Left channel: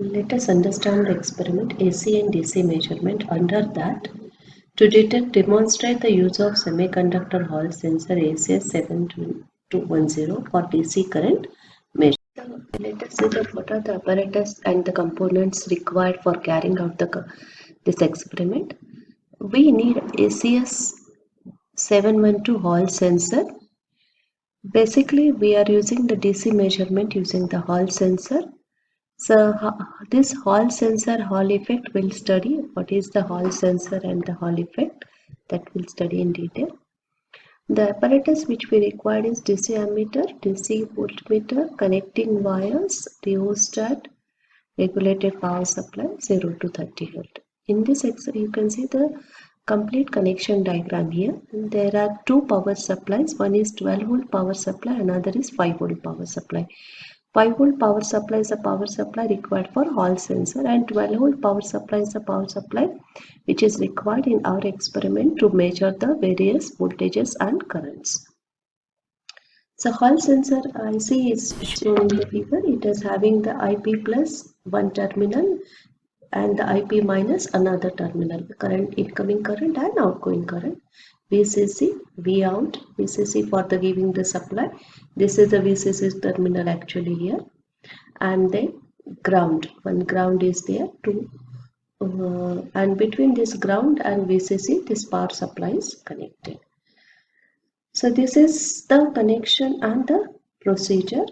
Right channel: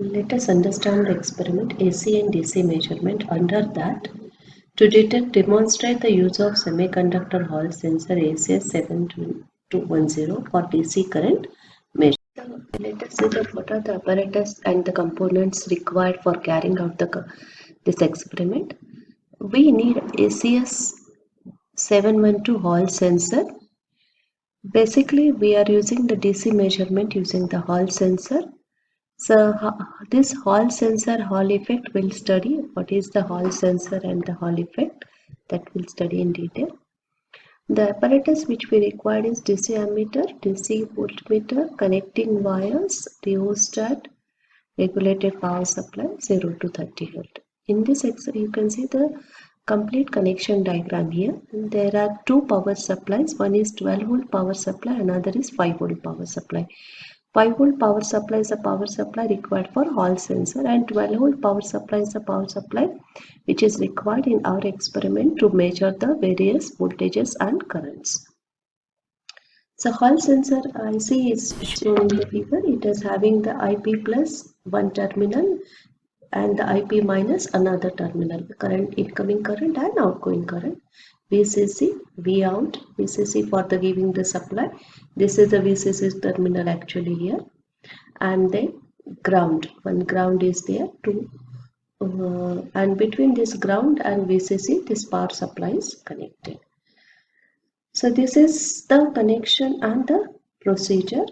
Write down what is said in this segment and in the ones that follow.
Let us understand the experiment AC and DC measurement. Under that, to demonstrate the use of semiconductor Hall sensor ACS7210 for DC current measurement. Let us see what are the apparatus and the components required for carrying out this experiment. We need ACS 712 Hall sensor. Basically, we are using the DC measurement using the Hall sensor. So this Hall sensor Hall effect will study what is the Hall sensor and the Hall effect, that we'll study in detail. The apparatus which we required is DC ammeter, DC voltmeter, connecting wires, rheostat, regulated power supply 0 to 30 volt. In this you can see the complete connection diagram here. There are two power supplies. One is 12 volt power supply, another is 5 volt power supply. 5 volt power supply is a power supply required for Hall sensor, and 12 volt power supply is a power supply which is required in our experiment to measure the various voltages and currents. So Hall sensor IC is shown in the figure. It is having the IP plus one terminal and the IP minus another terminal, current, incoming current and outgoing current. VCC, V out, VCC for the giving the supply. This is the VCC terminal actually here, and then ground. One ground is there too, and between this ground and VCC, this power supply is connected. So this is the connection and the procedure.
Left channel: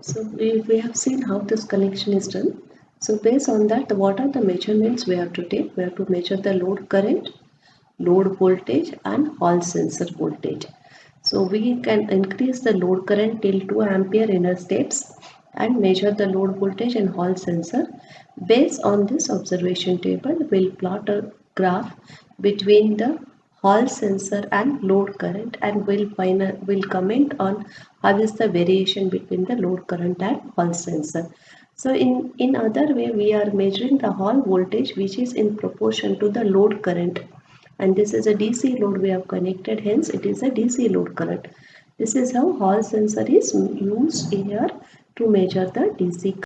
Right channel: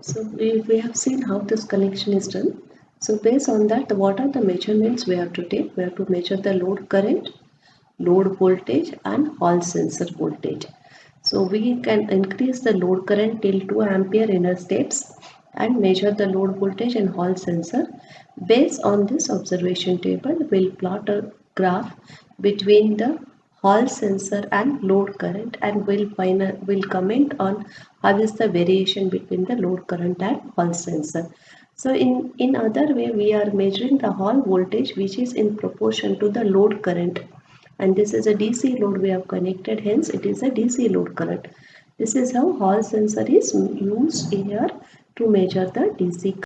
So we have seen how this connection is done. So based on that, what are the measurements we have to take? We have to measure the load current, load voltage and Hall sensor voltage. So we can increase the load current till 2 ampere inner steps and measure the load voltage and Hall sensor. Based on this observation table, we'll plot a graph between the Hall sensor and load current, and we'll comment on how is the variation between the load current and Hall sensor. So in other way, we are measuring the Hall voltage which is in proportion to the load current, and this is a DC load we have connected, hence it is a DC load current. This is how Hall sensor is used here to measure the DC current.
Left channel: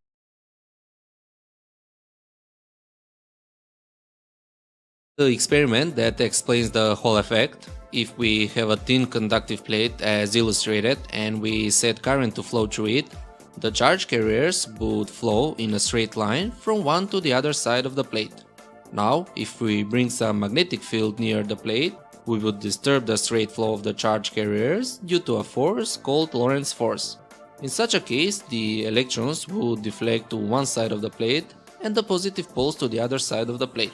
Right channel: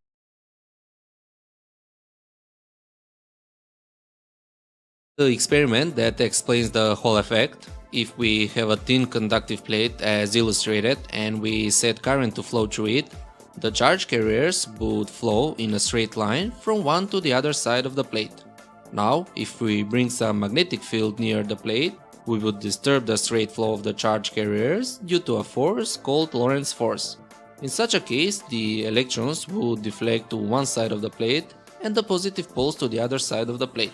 The experiment that explains the Hall effect. If we have a thin conductive plate as illustrated and we set current to flow through it, the charge carriers would flow in a straight line from one to the other side of the plate. Now, if we bring some magnetic field near the plate, we would disturb the straight flow of the charge carriers due to a force called Lorentz force. In such a case, the electrons would deflect to one side of the plate and the positive poles to the other side of the plate.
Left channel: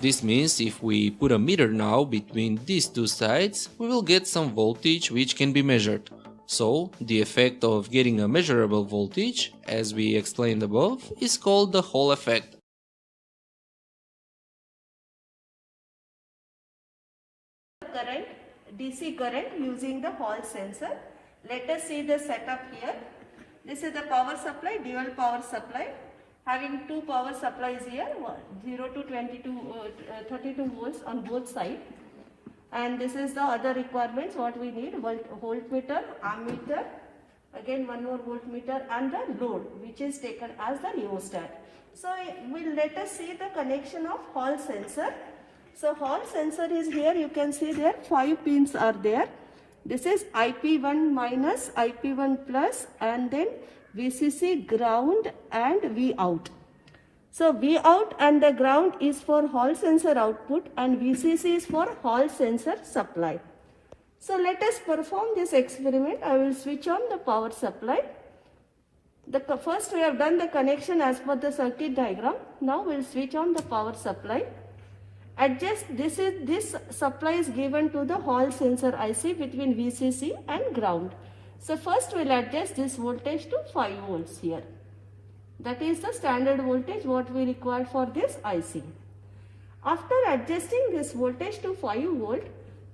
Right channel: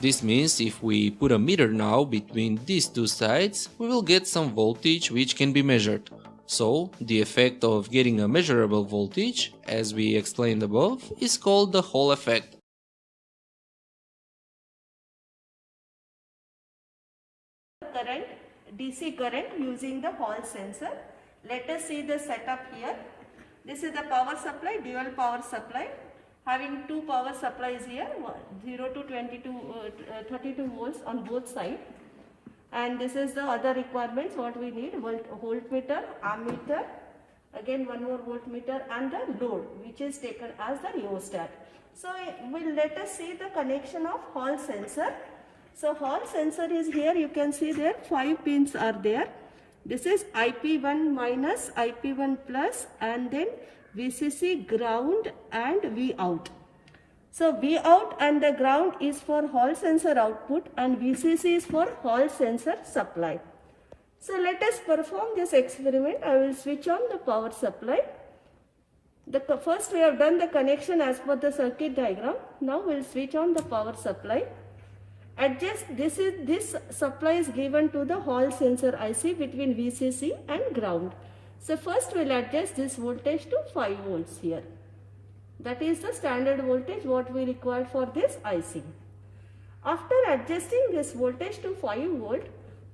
This means if we put a meter now between these two sides, we will get some voltage which can be measured. So, the effect of getting a measurable voltage, as we explained above, is called the Hall effect. Current, DC current using the Hall sensor. Let us see the setup here. This is the power supply, dual power supply, having two power supplies here, 0 to 32 volts on both sides. And this is the other requirements what we need: voltmeter, ammeter, again one more voltmeter, and the load which is taken as the rheostat. So let us see the connection of Hall sensor. So Hall sensor is here, you can see there 5 pins are there. This is IP1 minus, IP1 plus, and then VCC, ground and V out. So V out and the ground is for Hall sensor output and VCC is for Hall sensor supply. So let us perform this experiment. I will switch on the power supply. First we have done the connection as per the circuit diagram. Now we will switch on the power supply. Adjust, this supply is given to the Hall sensor IC between VCC and ground. So first we will adjust this voltage to 5 volts here. That is the standard voltage what we require for this IC. After adjusting this voltage to 5 volt,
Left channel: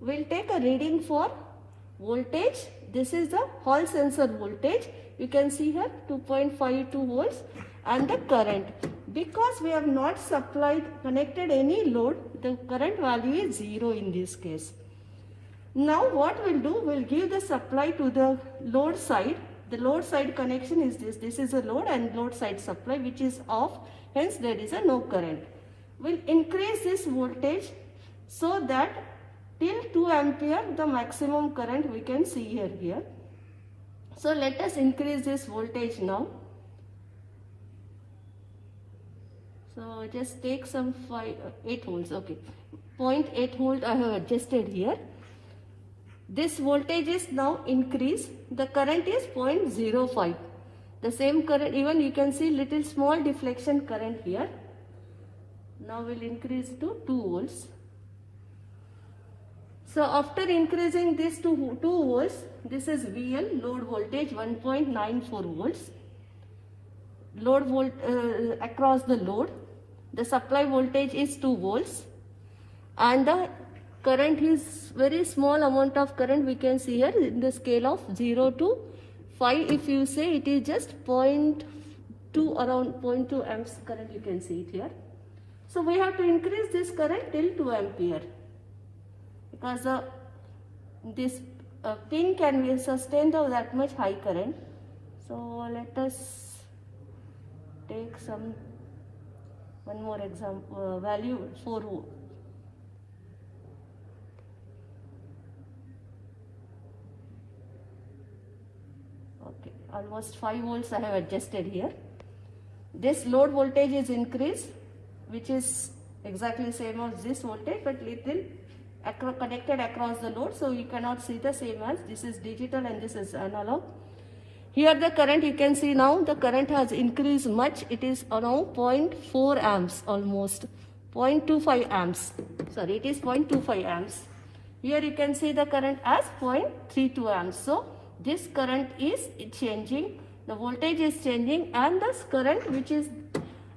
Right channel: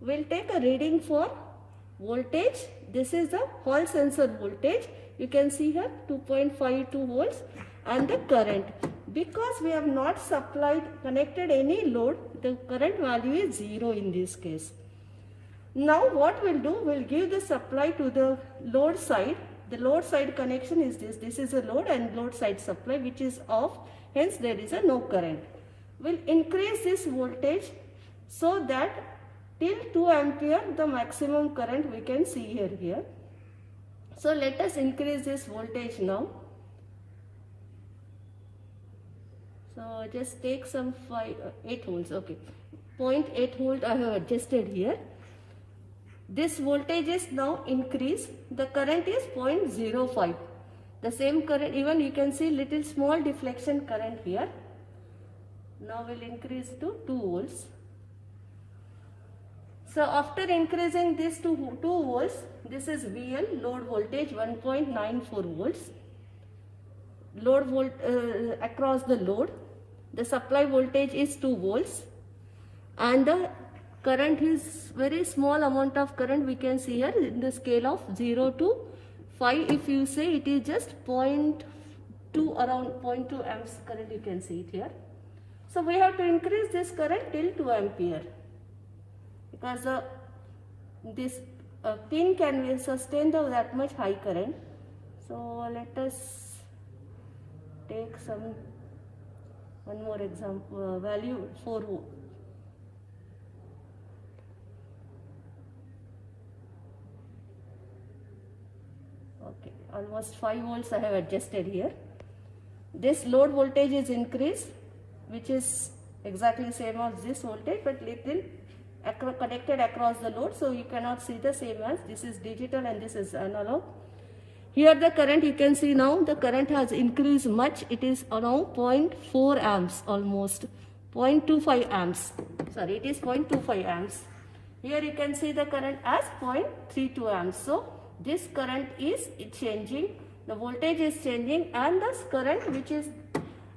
we will take a reading for voltage. This is the Hall sensor voltage. You can see here 2.52 volts, and the current. Because we have not connected any load, the current value is 0 in this case. Now what we'll do, we'll give the supply to the load side The load side connection is this. This is a load and load side supply which is off. Hence there is a no current. We'll increase this voltage so that till 2 ampere the maximum current we can see here. So let us increase this voltage now. So just take some 8 volts. Okay, 0.8 volt I have adjusted here. This voltage is now increased. The current is 0.05. The same current, even you can see little small deflection current here. Now we'll increase to 2 volts. So after increasing this to 2 volts, this is VL, load voltage 1.94 volts. Load volt across the load. The supply voltage is 2 volts. And the current is very small amount of current we can see here in the scale of 0 to 5. If you say it is just 0.2, around 0.2 amps current, you can see it here. So we have to increase this current till 2 ampere because this pin can sustain that much high current. So let us take one more example, value 4 volt. Okay, almost 5 volts I have adjusted here. This load voltage is increased, which is exactly same as this voltage, but little connected across the load, so you cannot see the same as this is digital and this is analog. Here the current, you can see now the current has increased much. It is now 0.4 amps almost, 0.25 amps. Sorry, it is 0.25 amps. Here you can see the current as 0.32 amps. So this current is changing, the voltage is changing, and this current which is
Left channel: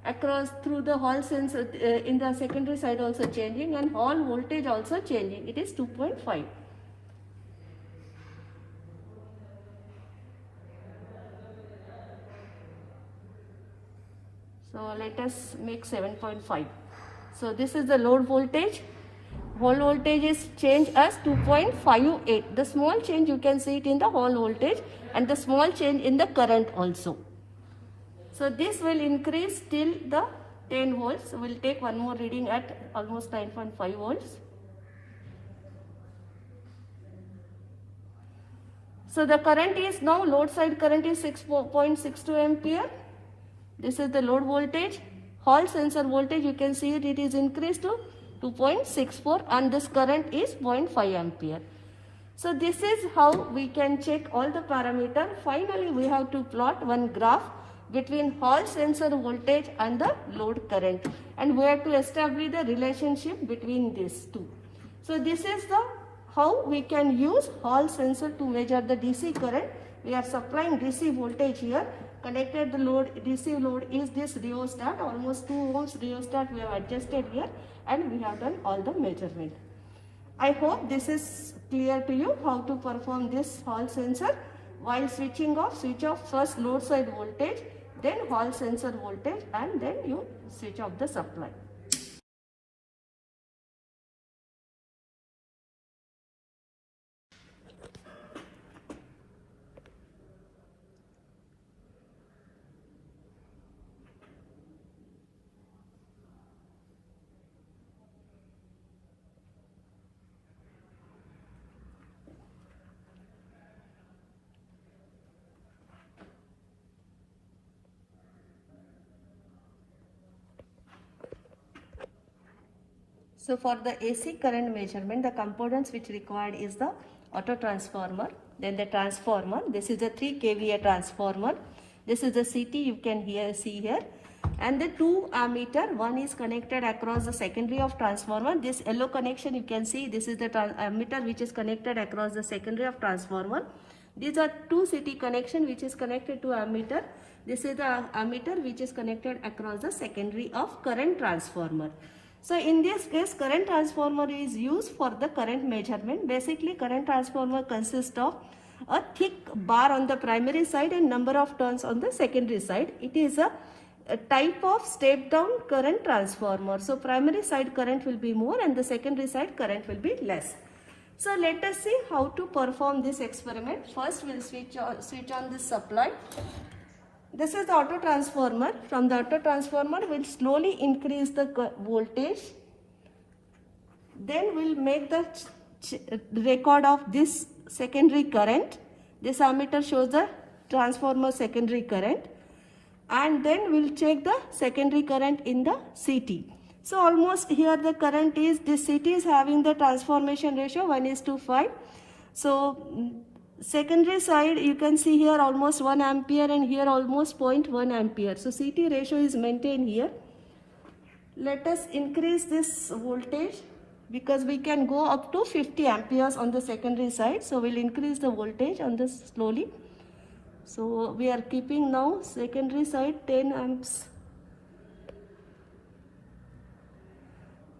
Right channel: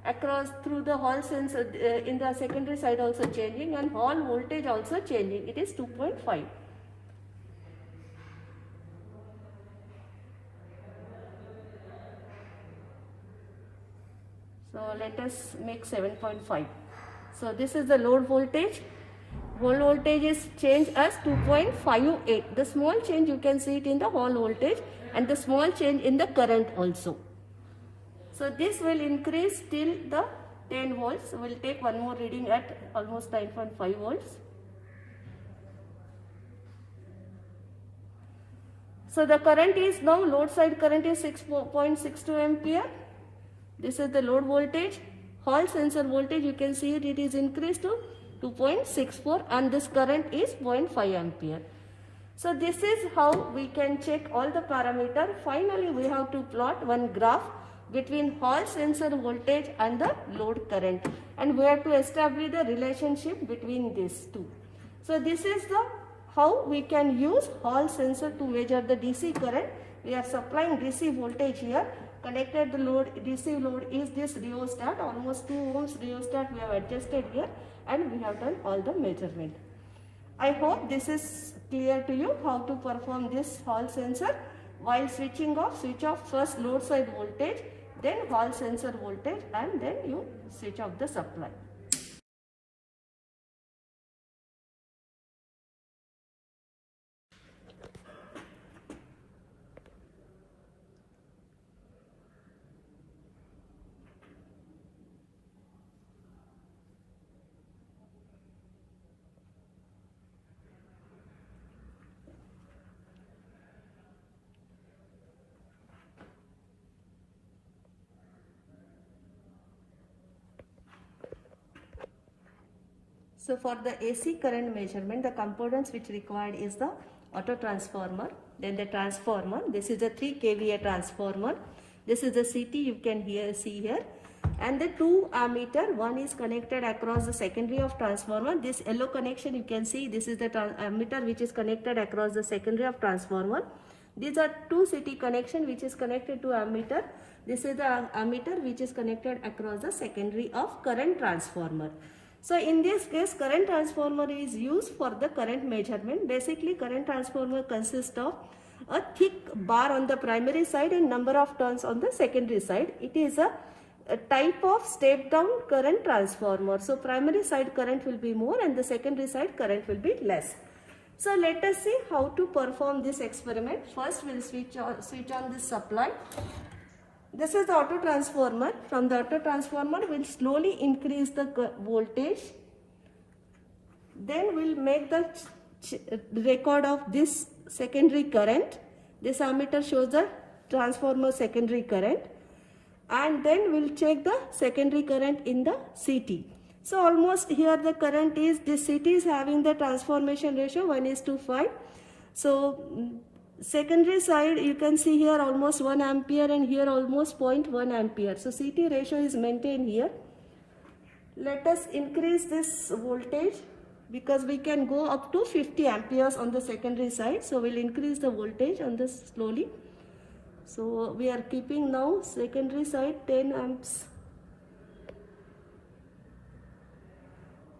across through the Hall sensor in the secondary side also changing, and Hall voltage also changing. It is 2.5. So let us make 7.5. So this is the load voltage. Hall voltage is changed as 2.58. The small change you can see it in the Hall voltage and the small change in the current also. So this will increase till the 10 volts. We'll take one more reading at almost 9.5 volts. So the current is now, load side current is 6.62 ampere. This is the load voltage. Hall sensor voltage, you can see it is increased to 2.64 and this current is 0.5 ampere. So this is how we can check all the parameters. Finally, we have to plot one graph between Hall sensor voltage and the load current, and we have to establish the relationship between these two. So this is how we can use Hall sensor to measure the DC current. We are supplying DC voltage here. Connected the load, DC load is this rheostat, almost 2 ohms rheostat we have adjusted here, and we have done all the measurement. I hope this is clear to you how to perform this Hall sensor. While switching off, switch off first load side voltage, then Hall sensor voltage, and then you switch off the supply. So for the AC current measurement, the components which required is the auto transformer, then the transformer. This is a 3 kVA transformer. This is the CT you can see here. And the 2 ammeter, one is connected across the secondary of transformer. This yellow connection you can see, this is the ammeter which is connected across the secondary of transformer. These are 2 CT connection which is connected to ammeter. This is the ammeter which is connected across the secondary of current transformer. So in this case, current transformer is used for the current measurement. Basically, current transformer consists of a thick bar on the primary side and number of turns on the secondary side. It is a type of step down current transformer. So primary side current will be more and the secondary side current will be less. So let us see how to perform this experiment. First we'll switch on the supply. This is the auto transformer. From the auto transformer we'll slowly increase the voltage. Then we'll make the record of this secondary current. This ammeter shows the transformer secondary current, and then we'll check the secondary current in the CT. So almost here the current is, this CT is having the transformation ratio 1:5. So secondary side you can see here almost 1 ampere and here almost 0.1 ampere. So CT ratio is maintained here. Let us increase this voltage because we can go up to 50 amperes on the secondary side. So we'll increase the voltage on this slowly. So we are keeping now secondary side 10 amps.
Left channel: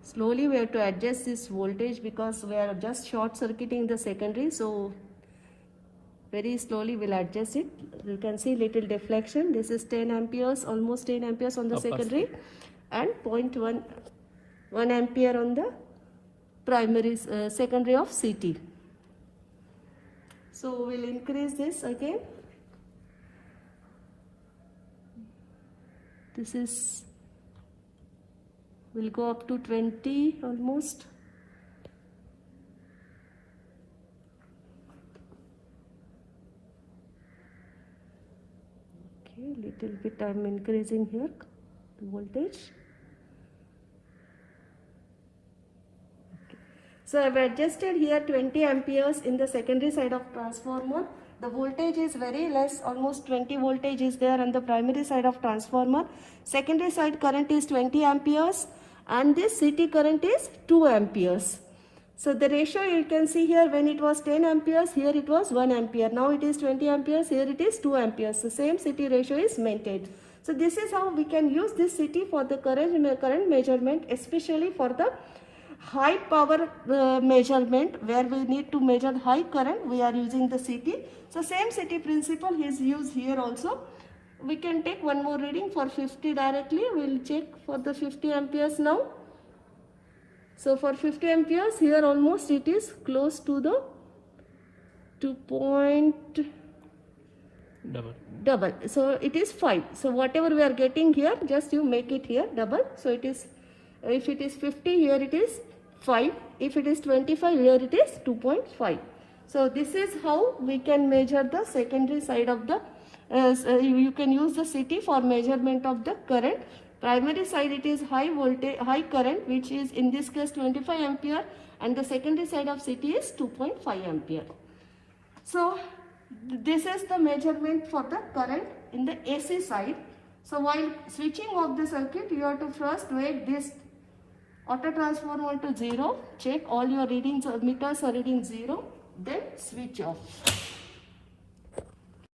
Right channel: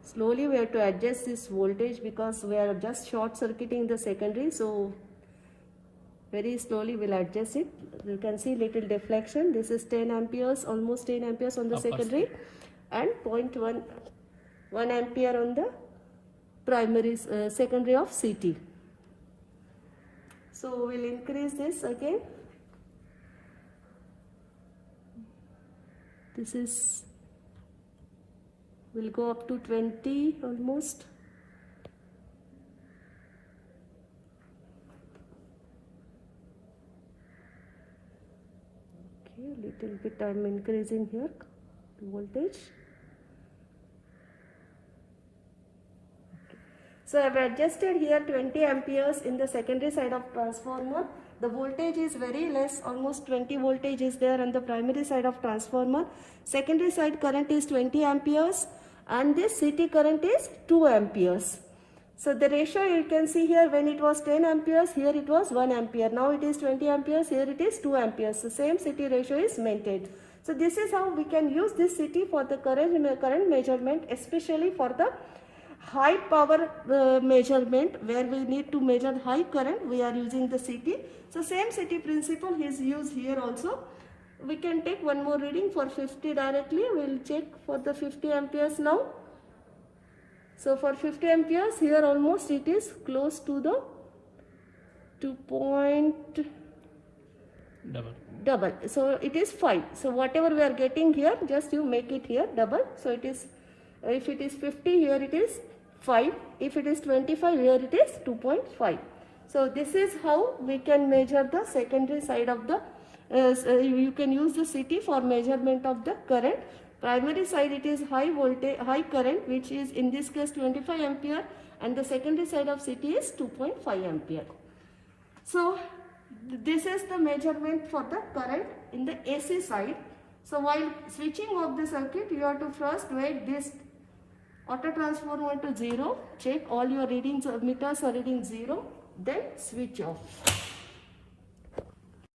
Slowly we have to adjust this voltage because we are just short circuiting the secondary. So very slowly we'll adjust it. You can see little deflection. This is 10 amperes, almost 10 amperes on the secondary, and 0.1 ampere on the primary secondary of CT. So we'll increase this again. This is, we'll go up to 20 almost. Okay, little bit I'm increasing here the voltage. So I've adjusted here 20 amperes in the secondary side of transformer. The voltage is very less, almost 20 voltage is there on the primary side of transformer. Secondary side current is 20 amperes and this CT current is 2 amperes. So the ratio you can see here, when it was 10 amperes, here it was 1 ampere. Now it is 20 amperes, here it is 2 amperes. So same CT ratio is maintained. So this is how we can use this CT for the current measurement, especially for the high power measurement where we need to measure high current. We are using the CT. So same CT principle is used here also. We can take one more reading for 50 directly. We'll check for the 50 amperes now. So for 50 amperes here almost it is close to the 2 point double. So it is 5. So whatever we are getting here, just you make it here double. So it is, if it is 50, here it is 5. If it is 25, here it is 2.5. So this is how we can measure the secondary side of the, you can use the CT for measurement of the current. Primary side it is high voltage, high current, which is in this case 25 ampere, and the secondary side of CT is 2.5 ampere. So this is the measurement for the current in the AC side. So while switching off the circuit, you have to first make this auto transformer to 0, check all your readings or meters are reading 0, then switch off.